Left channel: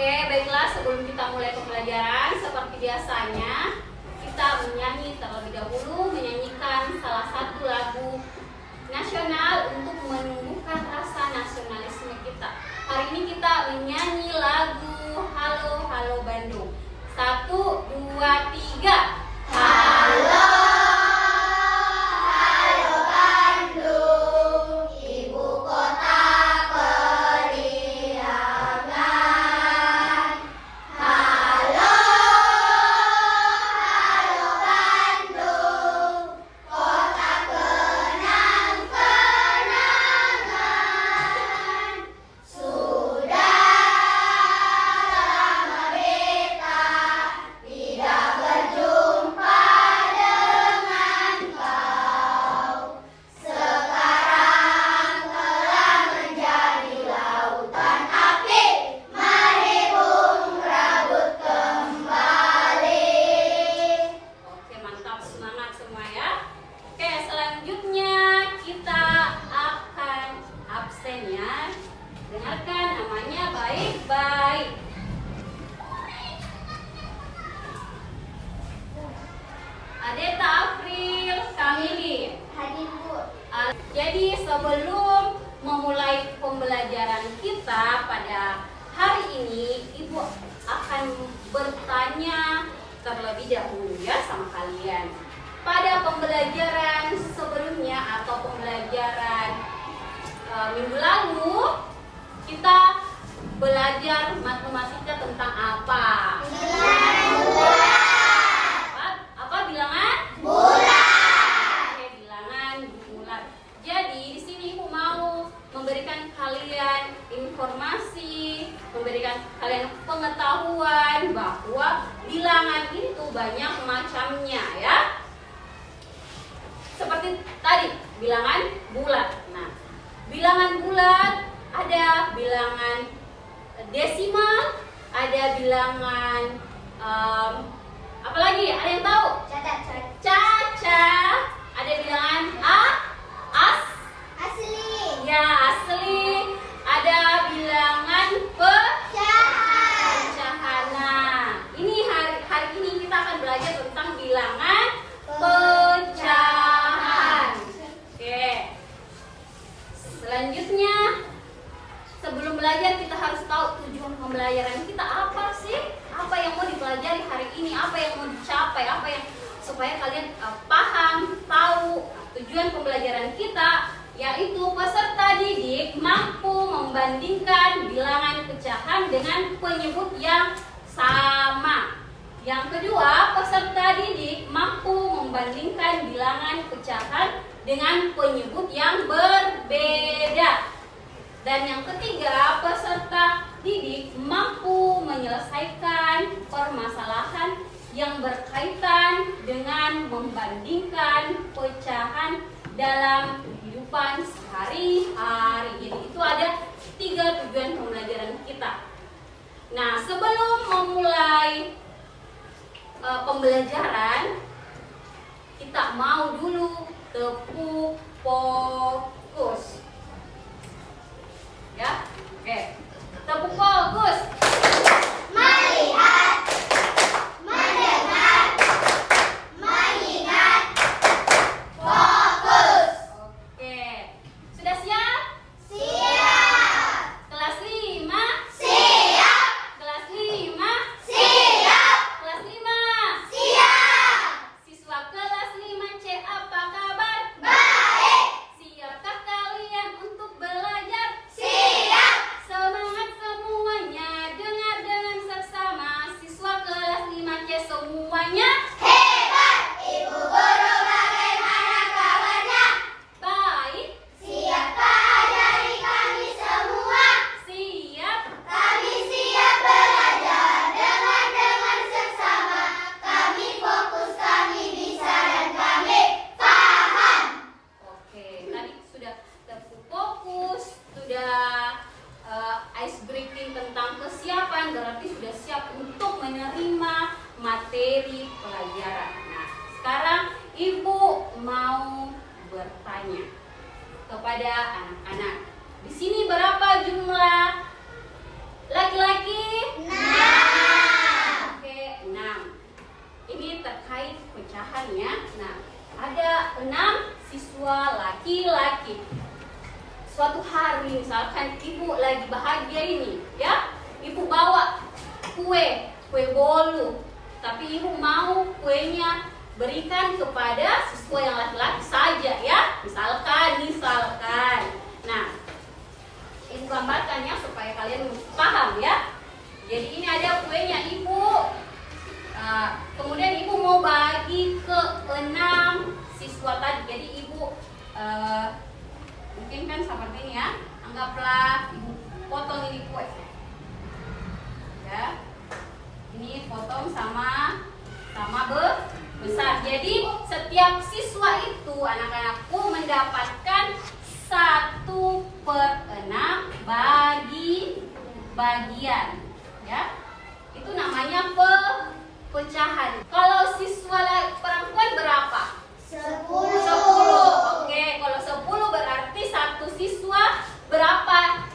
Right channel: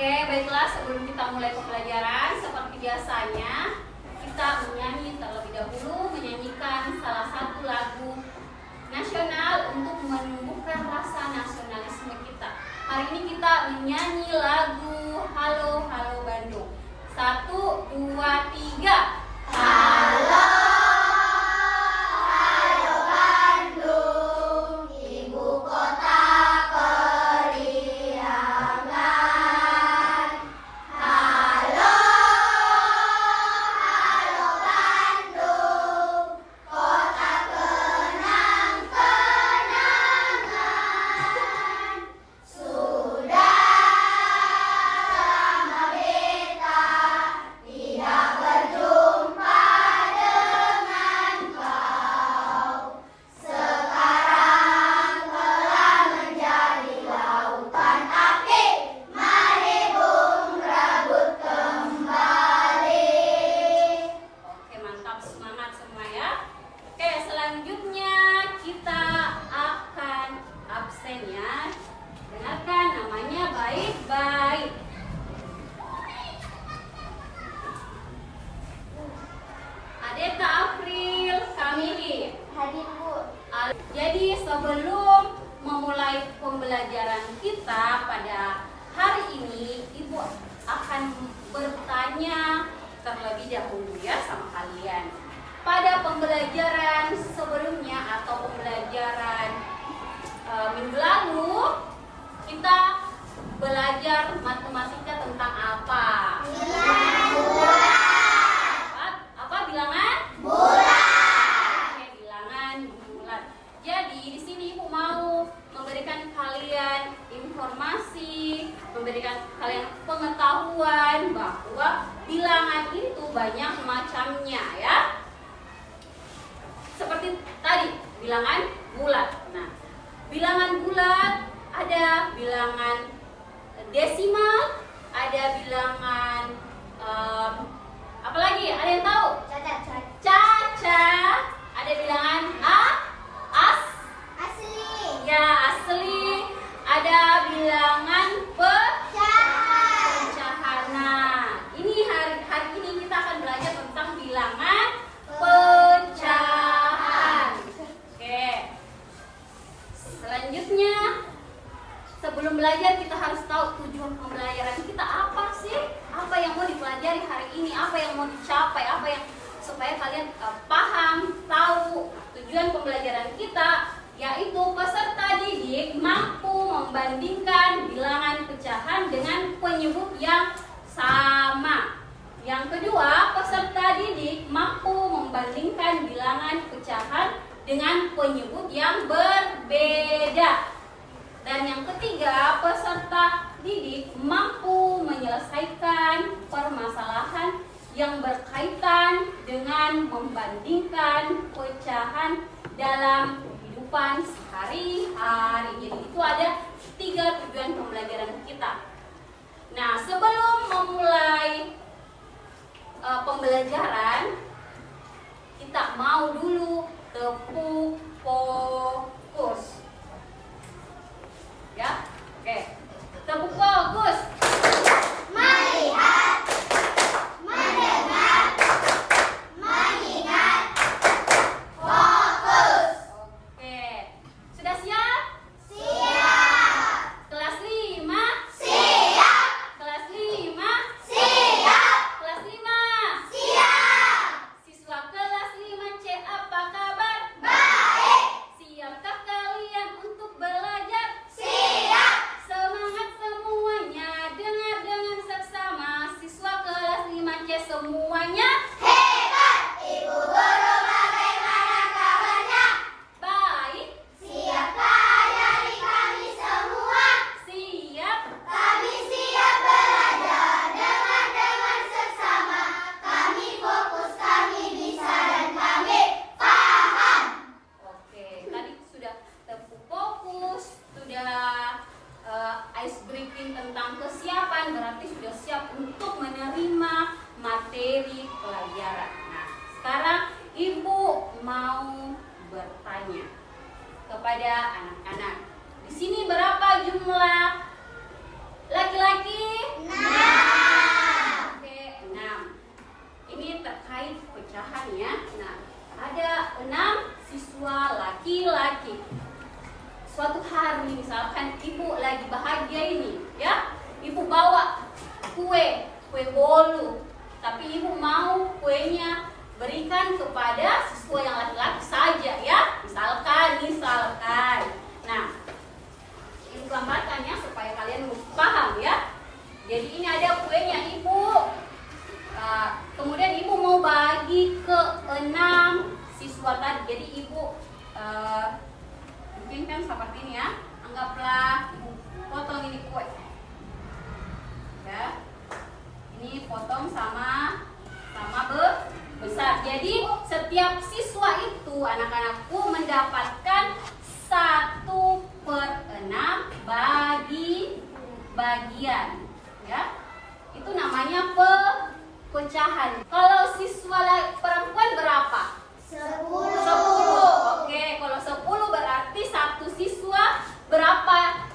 Oke, baiklah, sebelum kita mulai pembelajaran, seperti biasanya kita menyanyi terlebih dahulu, menyanyikan salah satu lagu nasional untuk menumbuhkan rasa nasionalisme kita. Hari ini kita menyanyi lagu Halo Halo Bandung. 1, 2, 3. Halo. Jadi sebelum memulai pembelajaran kita pada hari ini, Ibu akan bertanya terlebih dahulu ya sama kalian. Pada pembelajaran sebelumnya atau pembelajaran minggu lalu, kita belajar matematika tentang apa? Apa bilangan? Jadi di sini Ibu mau memberikan kalian informasi, memberikan kalian pengetahuan bahwa bilangan itu banyak macamnya ya. Seperti tadi bilangan bulat. Nah, bilangan bulat ada bilangan desimal, ada bilangan apa lagi? Ada yang tahu? Caca. Ada bilangan asli. Ya, asli. Ada bilangan pecahan. Nah, ini hari ini kita akan belajar tentang bilangan pecahan. Oke. Selanjutnya, sebelum belajar kita harus tahu tujuan pembelajaran kita apa sih? Apa yang mau dipelajari hari ini? Apa yang mau dicapai? Apa yang supaya kalian paham, tahu tujuan pembelajaran kita, yaitu peserta didik mampu membandingkan bilangan pecahan dengan penyebut yang sama. Yang kedua, peserta didik mampu membandingkan bilangan pecahan dengan penyebut yang berbeda. Dan yang ketiga, peserta didik mampu menyelesaikan permasalahan yang berkaitan dengan membandingkan pecahan dalam kehidupan sehari-hari. Jadi itu ada 3 tujuan pembelajaran kita. Nah, sebelum memulai pembelajaran, kita mau dulu tepuk fokus. Ya, oke. Tepuk fokus. Melihat, mendengar, mengingat, fokus. Oke. Sudah siap? Siap. Kelas 5? Siap. Kelas 5? Siap. Kelas 5? Siap. Siswa kelas 5C, apa kabar? Baik. Siapkah kalian untuk belajar? Siap. Semangat semuanya, dengar dengan seksama. Siswa kelas 5C semuanya Hebat. Ibu guru bagaimana kabarnya? baik. Siapkah ajari kami semua? Siap. Kami siap belajar dengan seksama. Kami fokus, kami bisa dan kami paham. Oke, tadi sudah tepuk fokus, sudah ice breaking tentang kesiapan, berarti sudah siap untuk menerima materi pelajaran. Nah, sekarang Ibu mau bertanya kepada anak-anak. Di sini berapa jumlah laki-laki? 6. kue bolu. Tapi ibu mau kuenya berikan kepada siswa yang laki-laki saja ya. Misalkan. Nah, ini gambarkannya supaya kalian paham ya. Jadi ini ada kuenya ibu. Kemudian ibu mau bagi ke 6 siswa tadi. Jadi ibu mungkin kan seperti ini ya. Anggaplah ibu potong ini kue. Ya. Ini potong sama besar. Jadi setiap siswa itu anak-anakku mendapatkan 1/6 bagi bagian. Ya. Itu namanya pecahan. Kalau siswa perempuan berapa? 10. Oke, kalau 10 berarti satu siswa berapa?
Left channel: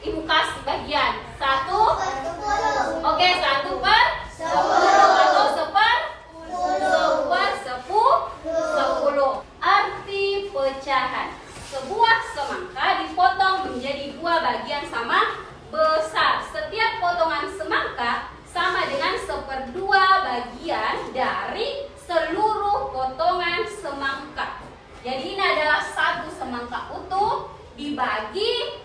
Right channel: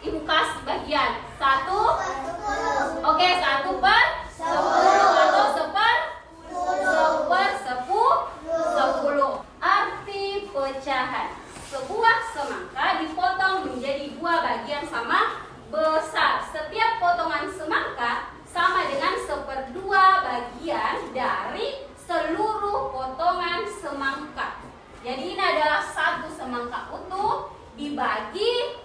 Ibu kasih bagian 1. Oke, 1/10 atau 1/10. Arti pecahan. Sebuah semangka dipotong menjadi 2 bagian sama besar. Setiap potongan semangka sama dengan 1/2 bagian dari seluruh potongan semangka. Jadi ini adalah satu semangka utuh dibagi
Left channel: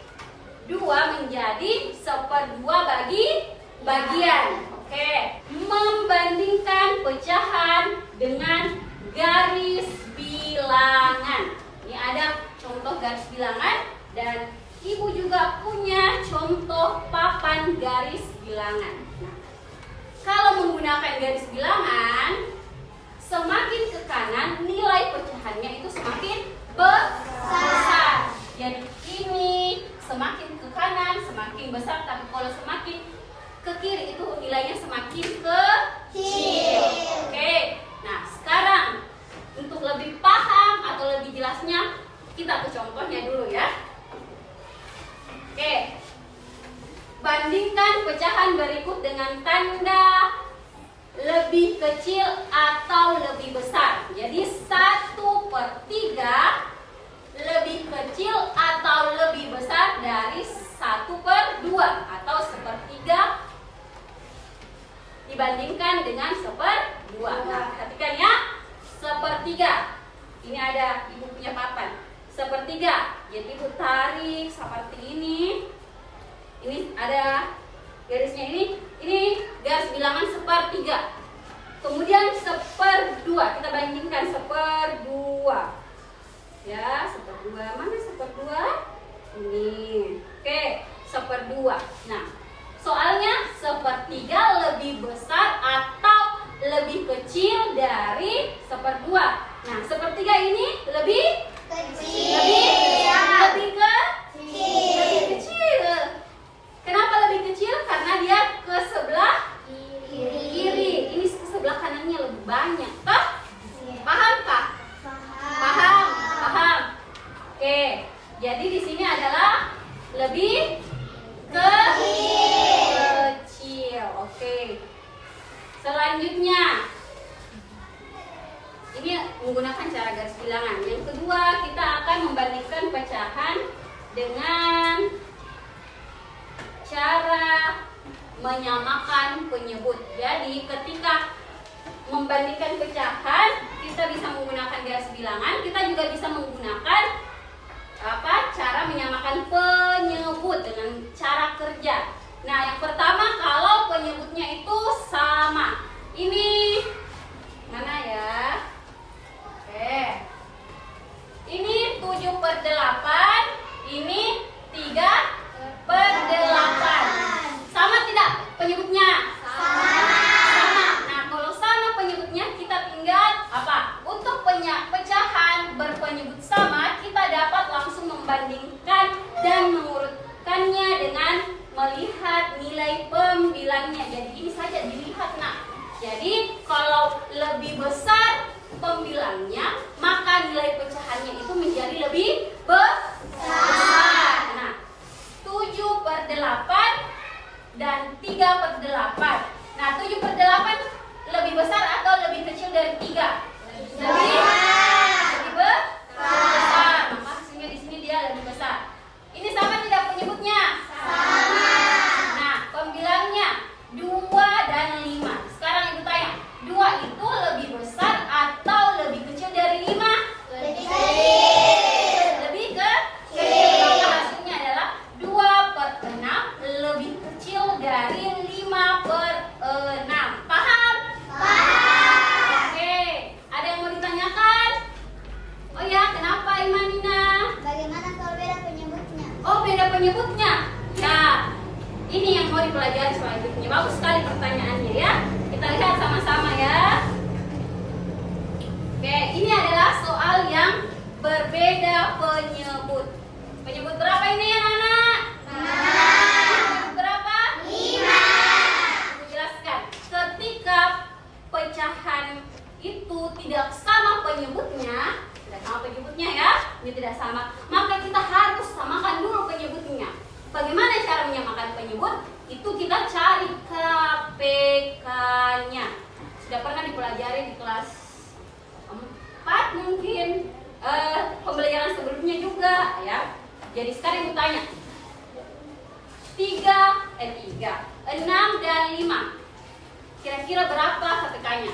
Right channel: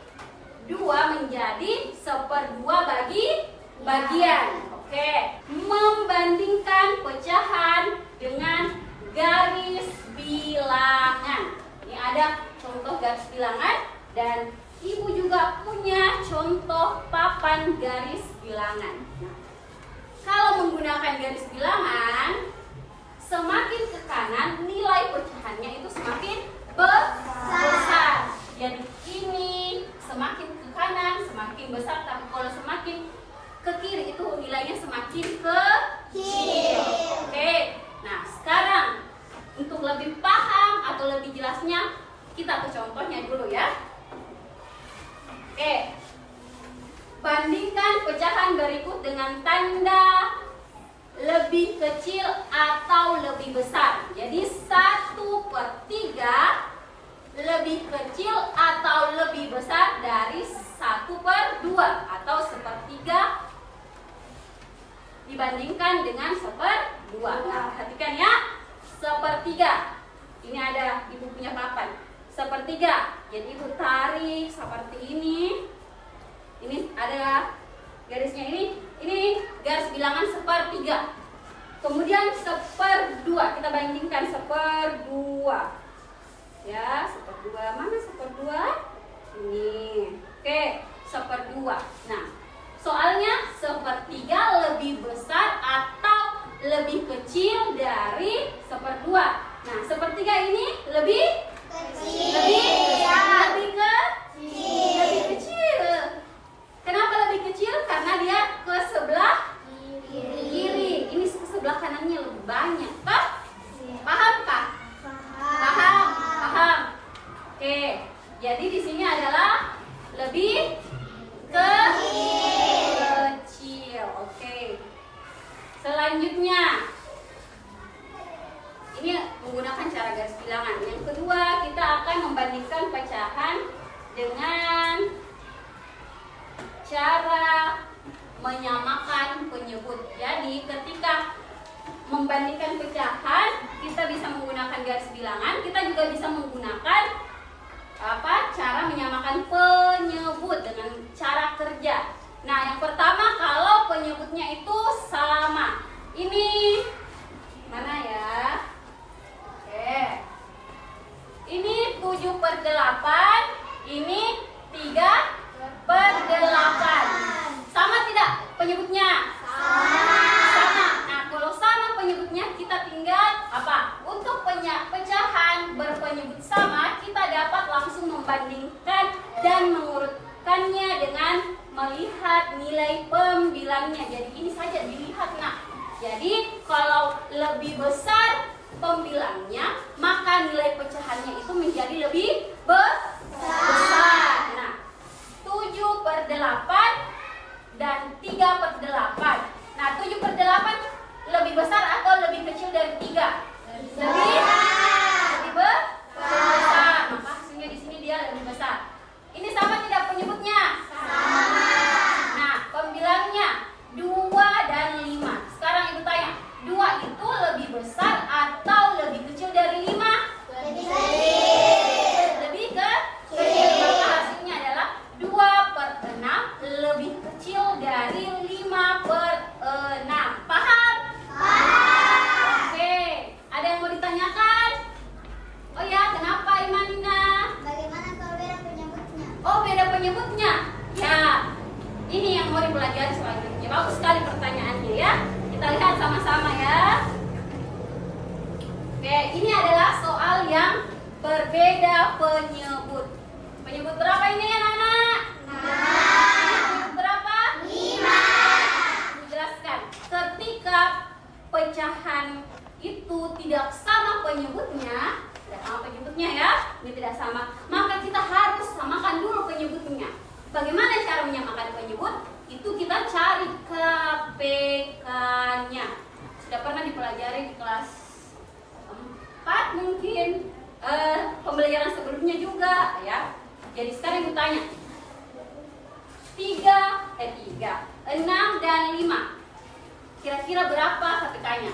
2 menjadi 1/2 bagi bagian. Oke, membandingkan pecahan dengan garis bilangan. Ini ada contoh garis bilangan dan ibu juga punya contoh papan garis bilangan. Nah, kalau menggunakan garis bilangan, semakin ke kanan nilai pecahannya itu semakin besar. Jadi ini semakin ke kanan semakin besar, tapi kalau semakin ke kiri itu nilainya semakin kecil. Oke. Nah, sekarang untuk lebih paham atau lebih jelasnya kita ke contohnya dulu ya. Oke. Bandingkan pecahan berikut dengan tanda lebih kecil atau lebih besar. Jadi 1/3 lebih kecil atau lebih besar dari 1/2 atau 1/3 dibandingkan dengan 1/2. Nah, perhatikan ya. 1/3. Ini ada ibu punya papan. 1/3. Jadi ibu tarik seperti ini. Ini ada garisnya ini garis bilangan 1/3. Kemudian 1/2 kita bandingkan 1/2. Ya, 1/2. Mana 1/2? Ini. Oke, 1/2. Nah, soalnya 1/3 lebih besar atau lebih kecil dari 1/2. Nah, 1/3 ini lebih kecil. Kenapa lebih kecil? Karena dia ke sebelah kiri. Ini ke sebelah kanannya lebih banyak. Paham kah? Paham. Oke. Jadi di sini adalah lebih kecil. Oke. Selanjutnya ini menggunakan cara garis bilangan. Yang kedua, kita akan membandingkan pecahan dengan cara menyamakan penyebut. Jadi ketika membandingkan pecahan, kita bisa menggunakan garis bilangan, kita juga bisa menggunakan cara menyamakan penyebut dengan cara kerja. Nah, yang pertama kalau penyebutnya itu sama. Ini mana ya? Oke. Ini 7/8, ini 3/8. Sama tidak penyebutnya? Sama. Nah, kalau sama penyebutnya kita tinggal apa? Untuk pecahan berpenyebut sama, kita dapat langsung membandingkan dan mengurutkannya dengan melihat nilai pembilangnya. Jadi ini saja dilihat. Nah, jadi kalau lebih besar pembilangnya, maka nilai pecahannya itu menjadi lebih besar. Nah, 7/8 dan 3/8. Nah, 7/8 lebih besar atau lebih kecil dari 3? Lebih besar. Maka hasilnya di sini dia lebih besar. Ini sama tidak penyebutnya? Sama. Nah, pembilangnya 2 lebih kecil dari 5/6. Paham? Paham. Oke, ada yang mau ditanyakan? Oh ya, kenapa Imanina? Bagaimana kalau beda penyebutnya? Oh, beda penyebutnya. Ya, ini yang mau dipelajari selanjutnya. Bagus sekali pertanyaannya ya. Kita lihat sama-sama ya. Oke, ini adalah soal yang berbeda penyebut. Penyebut berapa ini ya, anak-anak? Penyebut berapa? 5. Menjelaskan. Ketika pecahan itu tidak sama penyebutnya, ya, ini tidak sama, maka kita harus samakan dulu penyebutnya. Bagaimana cara menyamakan penyebut? Itu kita cari KPK-nya. Sudah pernah dipelajari di kelas 4 mungkin, pembelajaran sebelumnya juga ya. Jadi sekarang aku tanya, 6 dan 5 kira-kira berapa KPK-nya?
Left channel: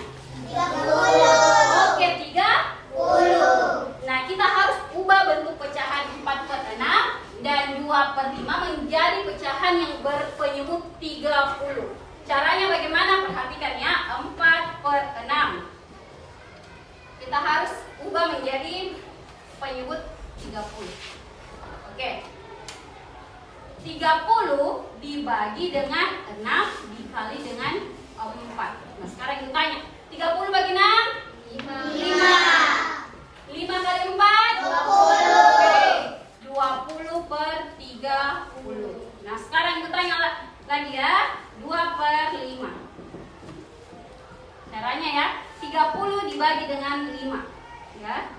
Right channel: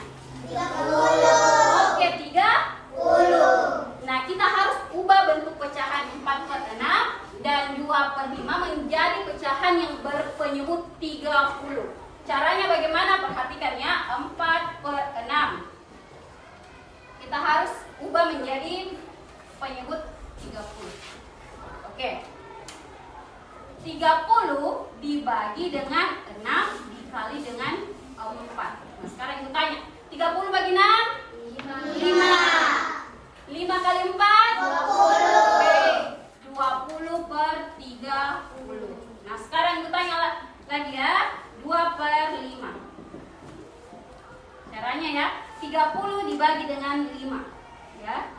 30. Oke, 30. Nah, kita harus ubah bentuk pecahan 4/6 dan 2/5 menjadi pecahan yang berpenyebut 30. Caranya bagaimana? Perhatikan ya, 4/6. Kita harus ubah menjadi penyebut 30. Oke. 30 dibagi dengan 6 dikali dengan 4. Nah, sekarang kita tanya, 30 bagi 6? 5. 5 kali 4? 20. Oke, 20/30. Nah, sekarang kita tanya lagi ya, 2/5. Caranya ya, 30 dibagi dengan 5 ya.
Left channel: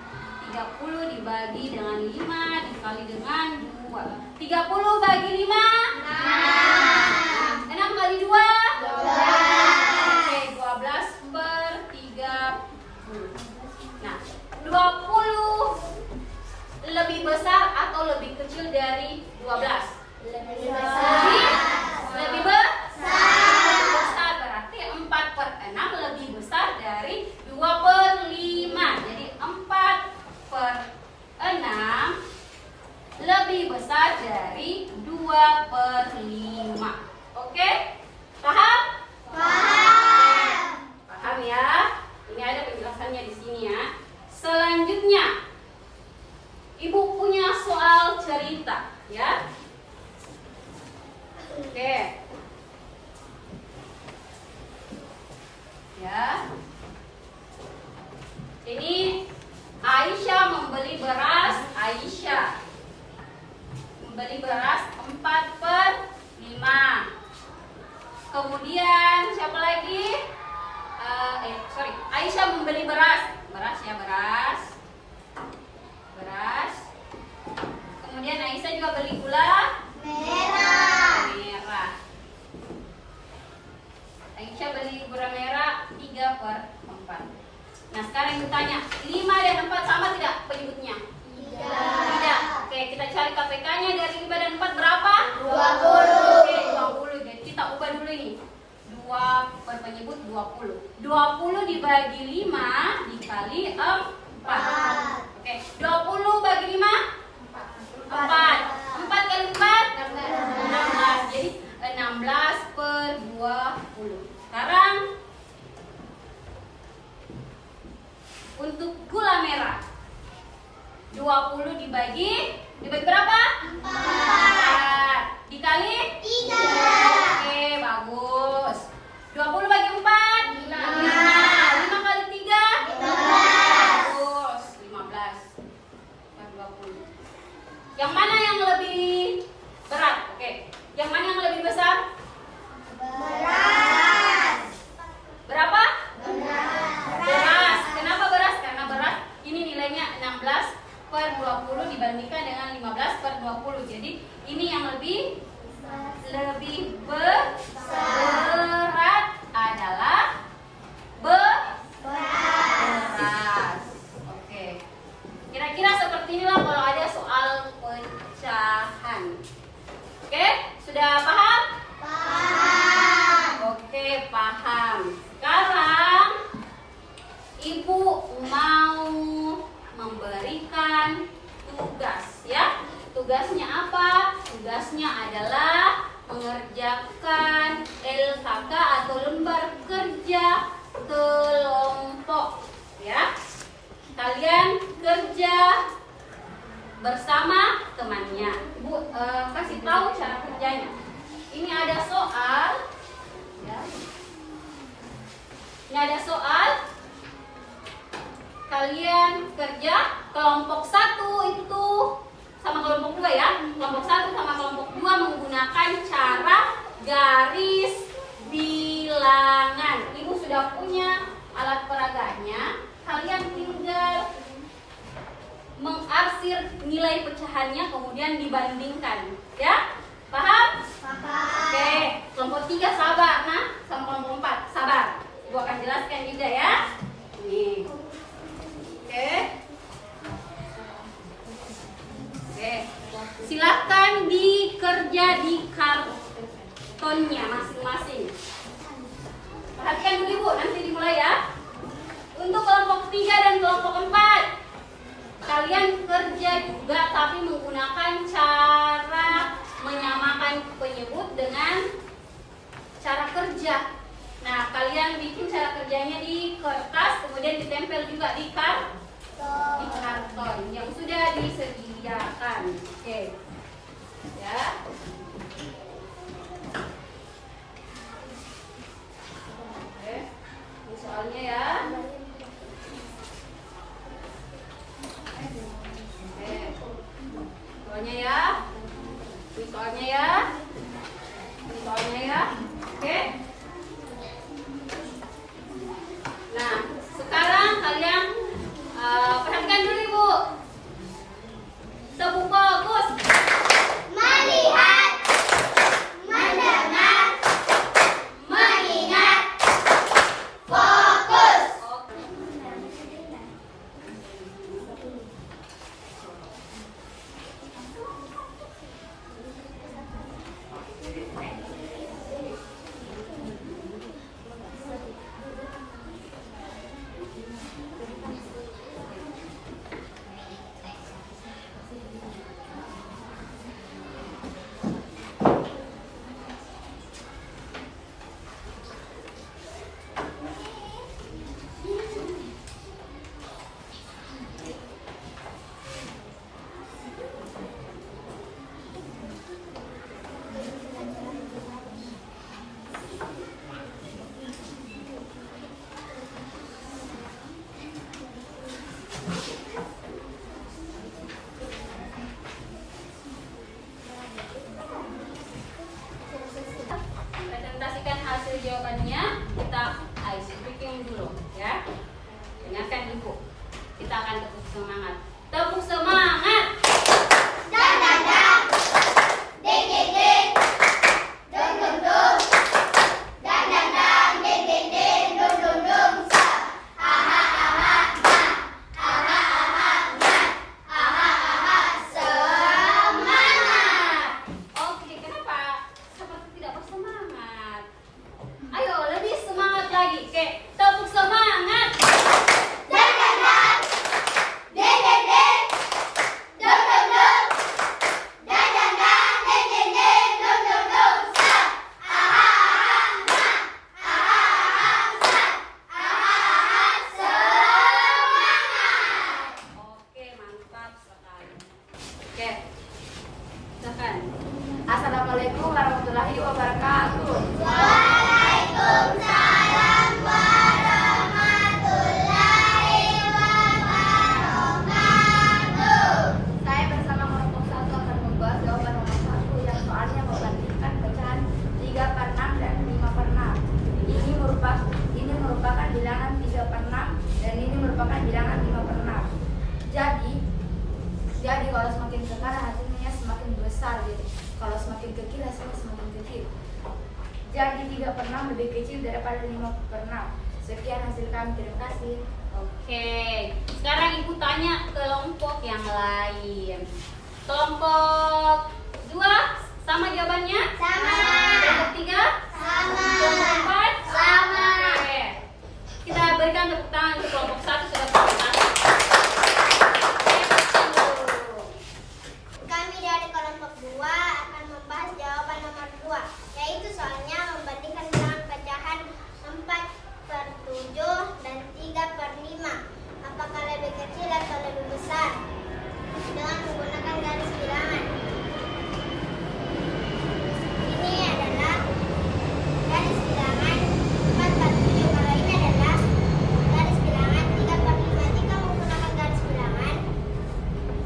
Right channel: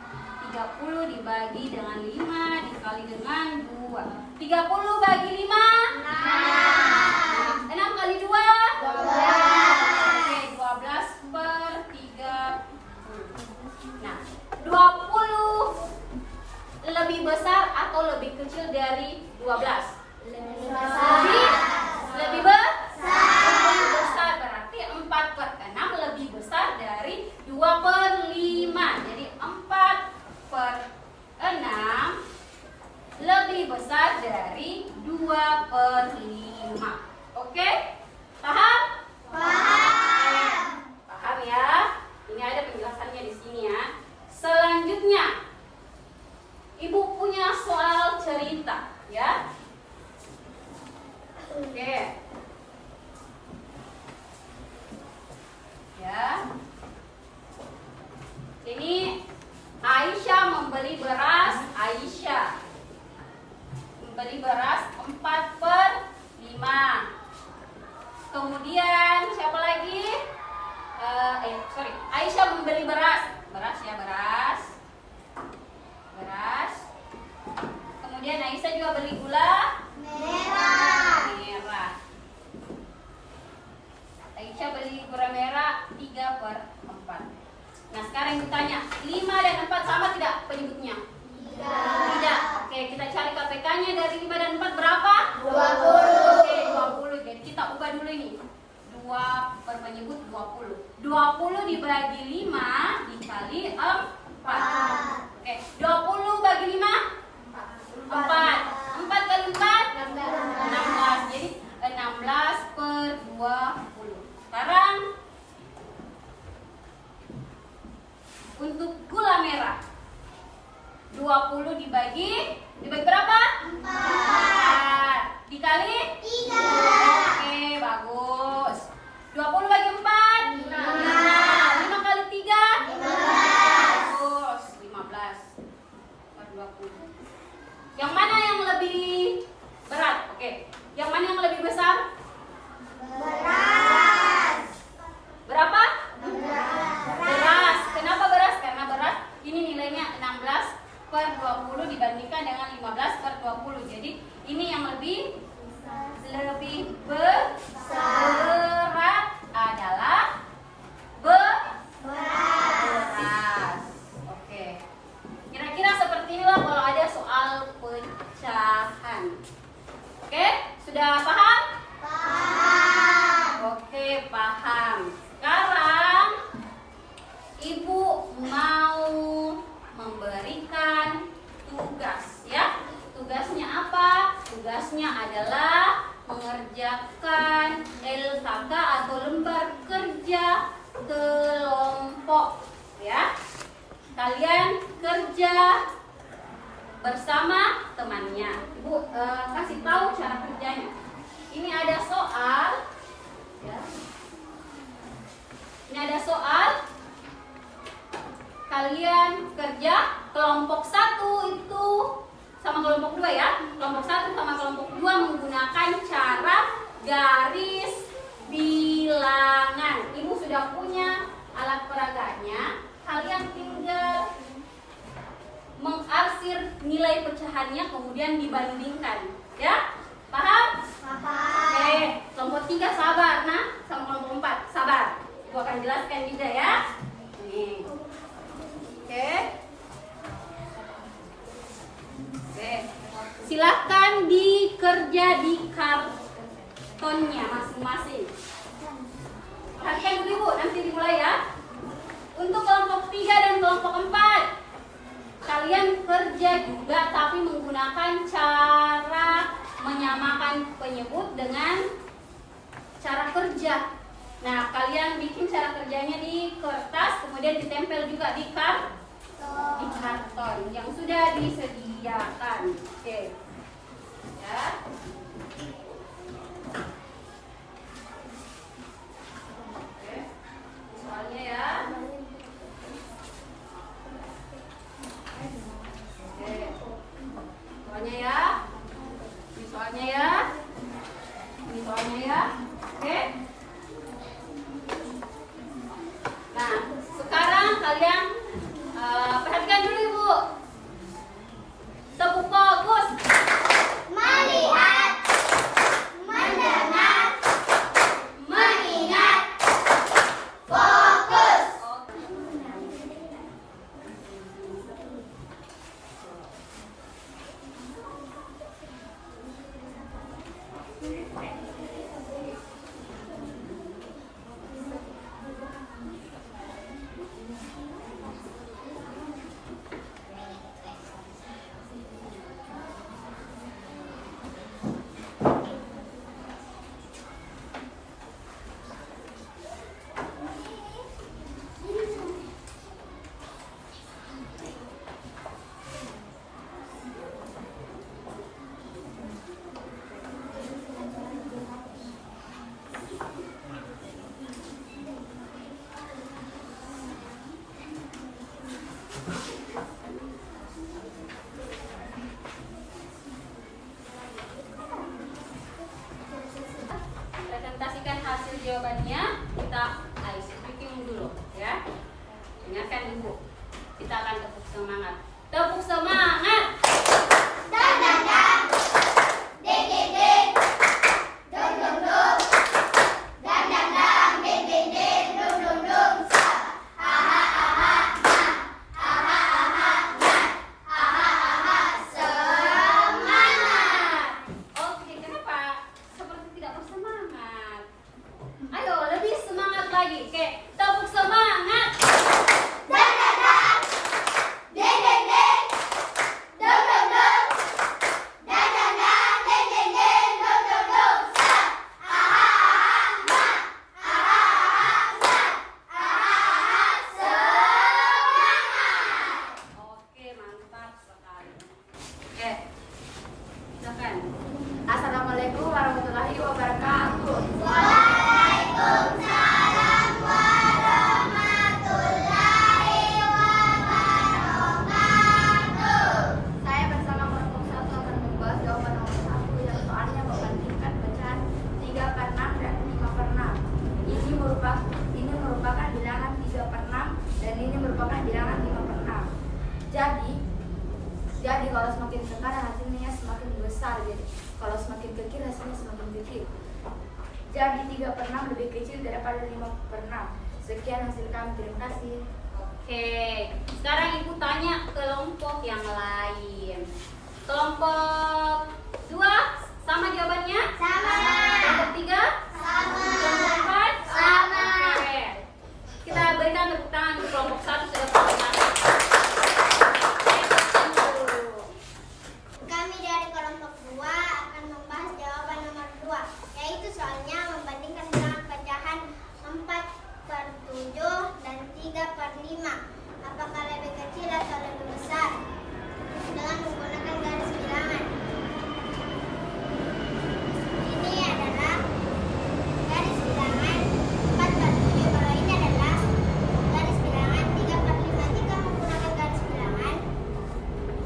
30 dibagi dengan 5 dikali dengan 2. 30 bagi 5? 6. 6 kali 2? 12. Oke, 12/30. Nah, 20 lebih besar atau lebih kecil dari 12? Lebih Lebih besar, berarti 4/6 lebih besar dari 2/5. Jadi 4/6 lebih besar dari 2/5. Oke? Paham? Paham. Paham ya? Ini ada penjelasannya di sini ya. Selanjutnya, Ibu punya soal cerita ya. Oke. Ya. Ini Aisyah membeli beras. Aisyah membeli beras 4/5. Kemudian siapa lagi? Aisyah membeli beras. Beras. Kemudian Aisyah juga beli gula Merah. merah. Aisyah beli gula merah 3/4. Nah, sekarang kita tanya, 5 dan 4 sama tidak penyebutnya? Tidak. Oke, kita cari KPK-nya dari 5 dan 4 berapa? 20. Oke, 20. Jadi kita ubah dulu ini. 2 berpenyebut 20. 20 dibagi 5 dikali 4. Oke, 20 bagi 5? 4. 4 kali 4? 16. Jadi 16/20. Sekarang untuk gula merah 20 dibagi berapa? 4 dikali 3. Oke, bagus. 20 bagi 4? 5 kali 3? 15. Bagus, 15 per 20. Yang mana yang lebih berat? Oke. Yang mana yang lebih besar? Beras. Berapa? Beras. Kenapa beras? Karena beras ini nilainya 16/20 dibandingkan dengan 15/20. Jadi ini yang lebih berat adalah beras. Oke. Kira-kira seperti inilah kalau ada soal pecahan. Oke, sudah paham? Paham. Oke, paham. Sekarang Ibu mau memberikan tugas ya. Tugasnya apa? Tugasnya adalah mengerjakan LKK atau lembar kerja kelompok, ya. Kalian kerja bersama temannya. Ibu kasih tahu cara kerjanya. Ini ada soal, ya. Ini ada soal. Kalian kerja kelompok 1 itu sama kelompok 2 ya. Kelompok 1 sama kelompok 2 menggunakan cara garis bilangan. Ibu sudah punya alat peraganya. Kalian tinggal mengarsir nilai pecahannya kemudian dibandingkan, ya. Paham? Oke, kelompok 3 sabar nah, sama kelompok 4 sabar. Ibu akan jelaskan juga ya. Nih. Oke. Silakan dikerja di kartonnya masing-masing. Perhatikan dulu Ibu, nanti dimulai ya. Untuk kelompok 3 dan kelompok 4, kalian kerja juga tapi menggunakan cara menyamakan penyebut dengan cara kerja. Nah, kalian bikin cara kerjanya di kertas, kemudian ditempel juga di karton yang sudah disediakan. Oke. Ya. Oke. Ini soalnya ya. Soalnya ya. Ini soalnya ya. Ini soalnya ya. Oke. Nah, sekarang kalian perhatikan dulu Ibu. Tepuk fokus. Melihat, mendengar, mengingat, fokus. Presentasikan hasil jawabannya. Kita ice breaking dulu ya. Dengarkan Ibu. Kita akan tepuk semangat. Tepuk semangat. Dan dan dan, ding ding ding, dung dung dung, dan dan dan, ding ding ding, dung dung dung, sa, aha aha na, aha aha na, aha aha semangat. Oke, kenapa seperti tidak bersemangat? Ayo, lebih semangat lagi. Oke, tepuk semangat. Dan dan dan, ding ding ding, dung dung dung, dan dan dan, ding ding ding, dung dung dung, sa, aha aha na, aha aha na, aha aha semangat. Oke, mantap sekali. Oke, silakan. Assalamualaikum warahmatullahi wabarakatuh. Waalaikumsalam warahmatullahi wabarakatuh. Saya bersama kelompok 1 akan membahas jawaban nomor 1 yang soalnya membandingkan pecahan 3/6 dan 5/6. Ini merupakan bilangan 3/6 dan ini merupakan bilangan 5/6. Jadi kalau semakin ke kanan hasilnya semakin besar, jadi kalau semakin ke kiri hasilnya semakin kecil. Jadi 3/6 lebih kecil daripada 5/6. Sekian hasil kami, terima kasih. Oke, sekarang Ibu tanya kelompok yang lain. Kelompok 2 sama jawabannya? Sama. Kelompok 3? Sama. Kelompok 4? Sama. Oke. Kita berikan tepuk tangan untuk kelompok 1 sudah presentasi. Kami dari kelompok 2 akan membahas jawaban nomor 2. soalnya membandingkan bilangan pecahan 4/7 dan 3/5. Apakah lebih kecil atau lebih besar? Dengan menggunakan garis bilangan. Ini adalah garis bilangan 4/7. Kalau ini adalah garis bilangan 3/5. Jika menggunakan garis bilangan,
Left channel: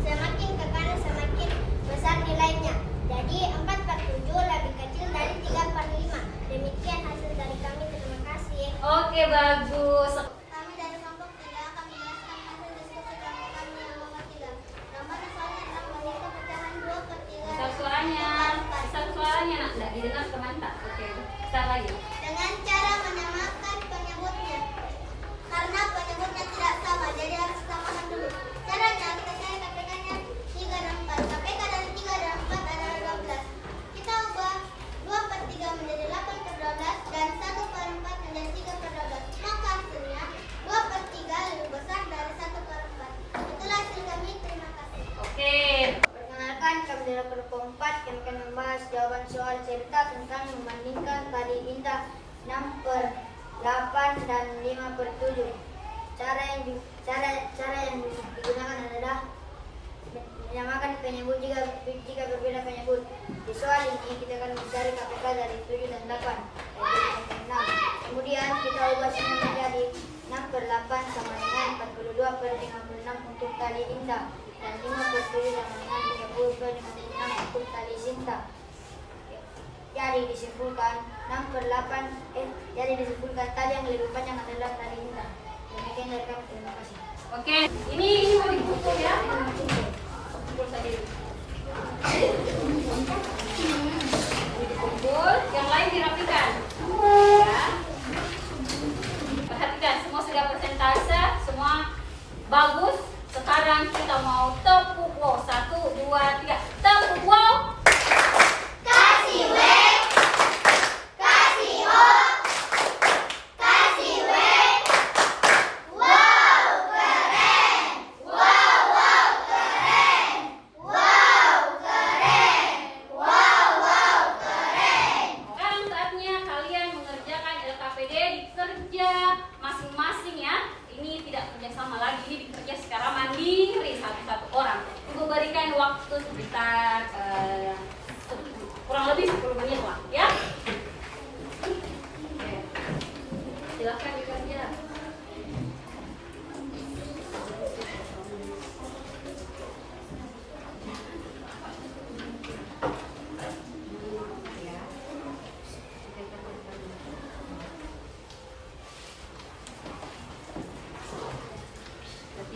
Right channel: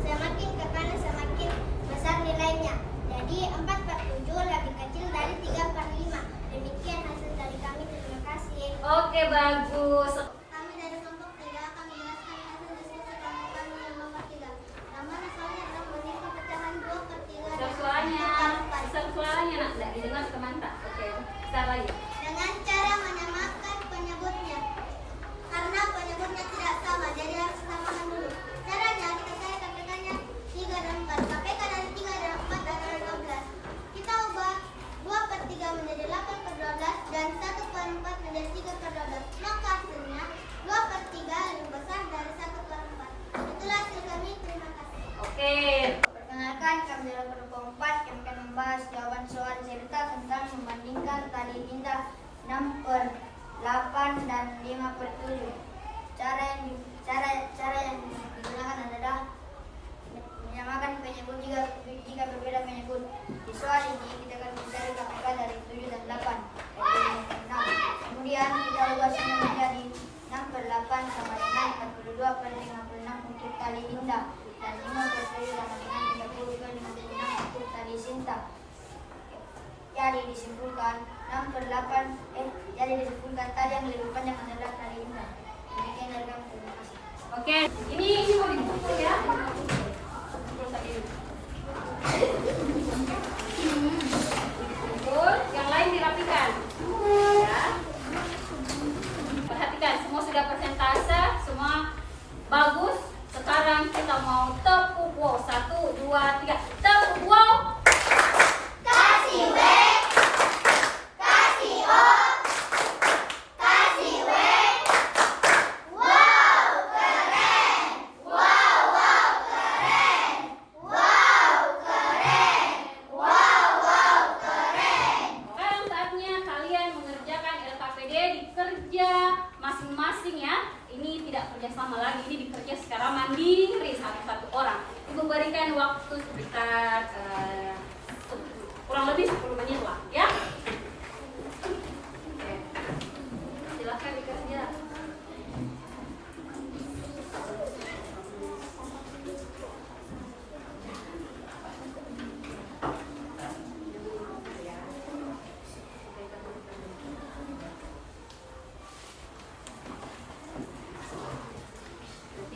semakin ke kanan semakin besar nilainya. Jadi 4/7 lebih kecil dari 3/5. Demikian hasil dari kami. Terima kasih. Oke, bagus. Kami dari kelompok 3 akan menjelaskan hasil diskusi kelompok kami yang nomor 3. Nomor soalnya adalah membandingkan pecahan 2/3 Besar suaranya. Besar suaranya, nak. Nggak didengar teman-teman. Oke, besar lagi. dengan cara menyamakan penyebutnya. Karena penyebutnya tidak sama, jadi harus disamakan dulu. Caranya saya katakannya 3 dan 4. KPK dari 3 dan 4 adalah 12. Kita ubah 2/3 menjadi 8/12 dan 1/4 menjadi 3/12. Maka hasilnya 2/3 lebih besar dari 1/4. Itulah hasil kami. Terima kasih. Oke. Perkenalkan, kami dari kelompok 4 kami akan membahas jawaban soal cerita tentang membandingkan tali indah 6/8 dan 5/7. Cara yang digunakan adalah menyamakan penyebut jika berbeda penyebut. Di soal ini kita akan mencari KPK dari 7 dan 8. Kemudian kita ubah semua menjadi 6/8 sama dengan 42/56 untuk tali indah dan 5/7 sama dengan 30/56 untuk tali cinta. Jadi disimpulkan tali yang lebih panjang adalah tali indah. Demikian dari kami. Terima kasih. Oke, ini mau dipukul ya. Pukul saja dulu. Dipukul, yang lain dirapikan. Ya. Perhatikan, semua sudah persentase, semua bagus. Sekarang kita mau tepuk wow. 1, 2, 3. Tepuk wow. Kasih W, kasih O, kasih W. Wow, keren. Wow, wow, keren. Wow, keren. Wow, wow, keren. Sekarang saatnya kalian mengerjakan LKPD di kerja masing-masing ya. Ini tidak kerjasama lagi, ini dikerja secara mandiri satu-satu orang. Ibu berikan waktu sekitar kurang lebih 10 menit lah ya. Oke. Silakan dikerja.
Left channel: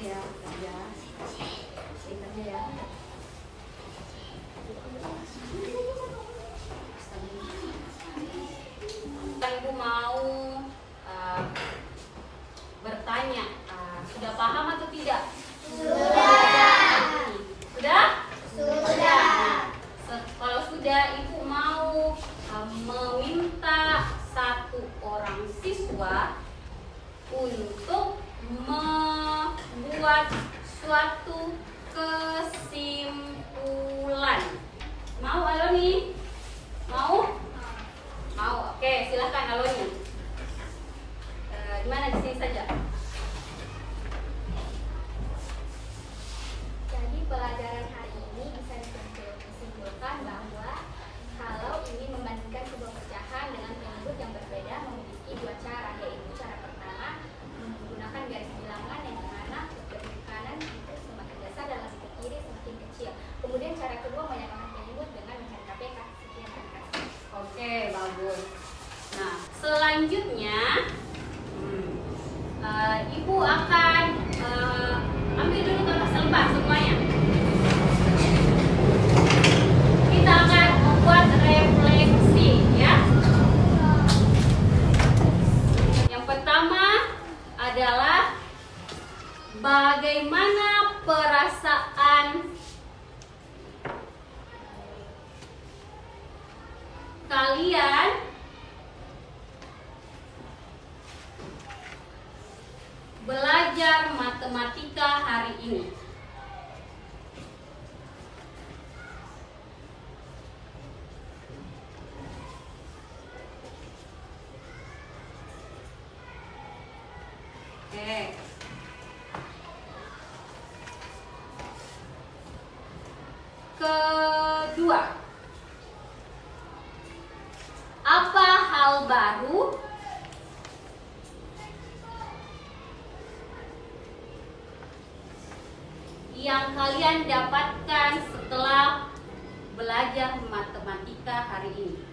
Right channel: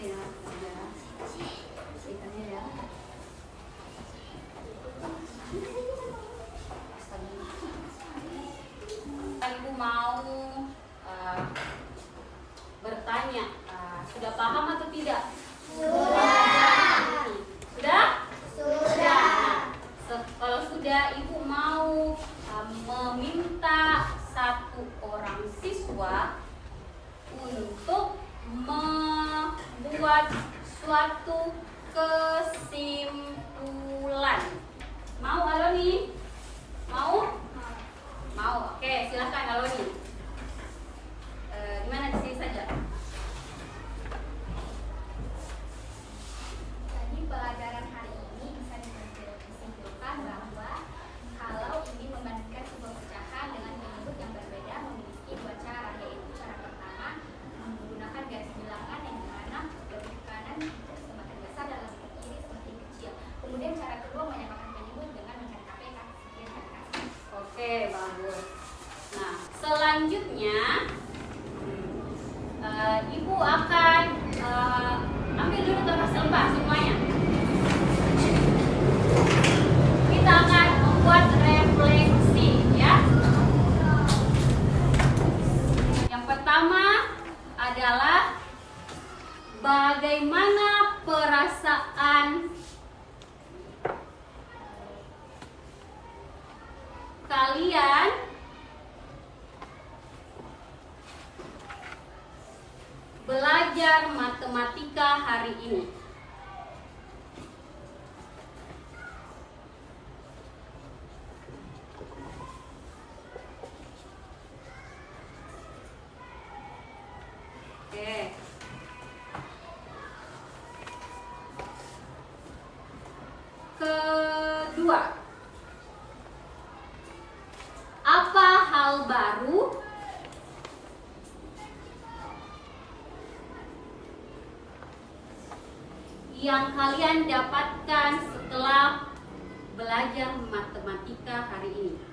Ya, kerja. Dikerja ya. Ibu mau bertanya, sudah paham atau tidak? Sudah? Kalau sudah, ibu mau meminta satu orang siswa untuk membuat suatu kesimpulan. Mau Aloni? Mau? Mau. Oke, silakan Aloni. Di mana, di sini saja? Jadi pelajaran hari ini bisa disimpulkan bahwa kalau ingin membandingkan sebuah pecahan dengan penyebut yang berbeda memiliki dua cara, yaitu cara pertama menggunakan garis bilangan yang dimana lebih ke kanan itu semakin besar dan lebih ke kiri semakin kecil. Kemudian cara kedua menyamakan penyebut dengan mencari KPK. Sekian, terima kasih. Oke, bagus. Nah, selanjutnya ibu akan ambil dulu kertas lembar semuanya. Kita akan membuat refleksi ya. Yang pertama adalah bagaimana perasaan kalian belajar matematika hari ini. hal baru yang kalian dapatkan setelah belajar matematika hari ini?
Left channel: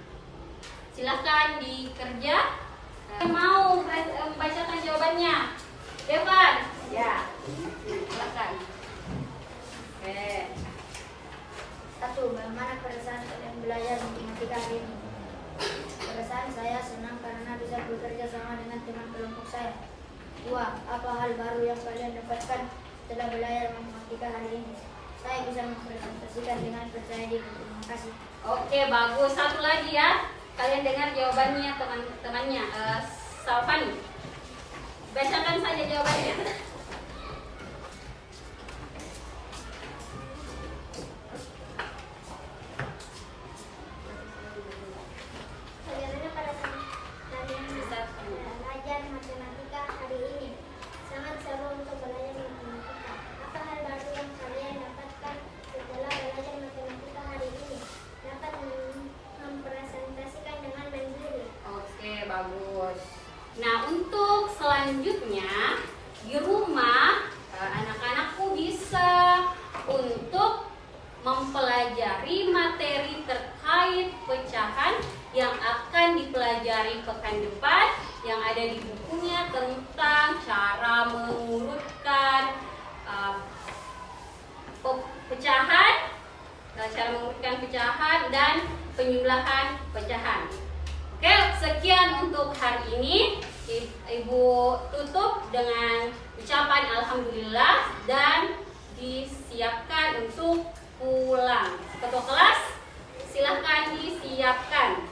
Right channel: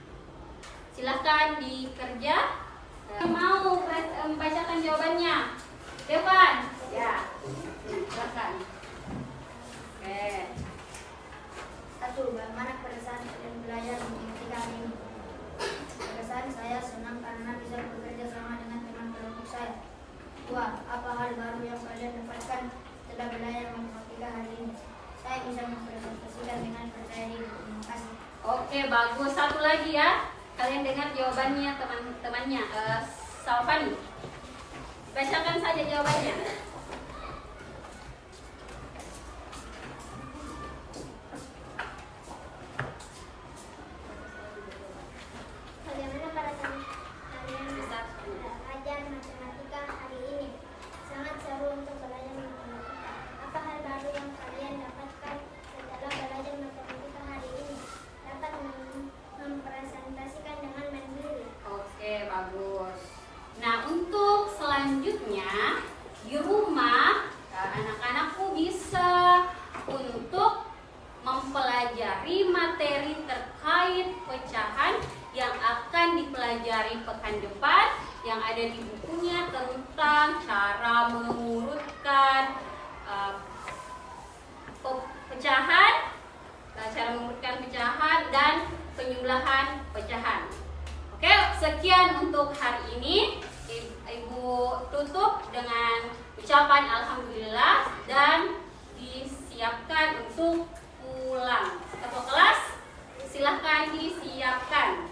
Silahkan dikerja. Mau membacakan jawabannya? Devan? Ya, silakan. Oke. 1. Bagaimana perasaan kalian belajar matematika hari ini? Perasaan saya senang karena bisa bekerja sama dengan teman kelompok saya. 2. Apa hal baru yang kalian dapatkan setelah belajar matematika hari ini? Saya bisa mempresentasikan dengan percaya diri. Terima kasih. Oke, bagus. Satu lagi ya. Kalian dengar jawabannya teman-temannya. Salvani, bacakan saja jawabannya. Bagaimana perasaan kalian belajar matematika hari ini? Sangat seru untuk belajar matematika. Apa hal baru yang kalian dapatkan setelah belajar matematika hari ini? Dapat mempresentasikan dengan mandiri. Oke, bagus. Nah, untuk selanjutnya di rumah anak-anakku bisa untuk mempelajari materi terkait pecahan yang akan dipelajari pekan depan yang ada di bukunya tentang cara mengurutkan pecahan, cara mengurutkan pecahan dan penjumlahan pecahan. Oke, sekian untuk hari ini. Ibu tutup dengan ucapan alhamdulillah dan disiapkan untuk pulang. Ketua kelas, silahkan disiapkan.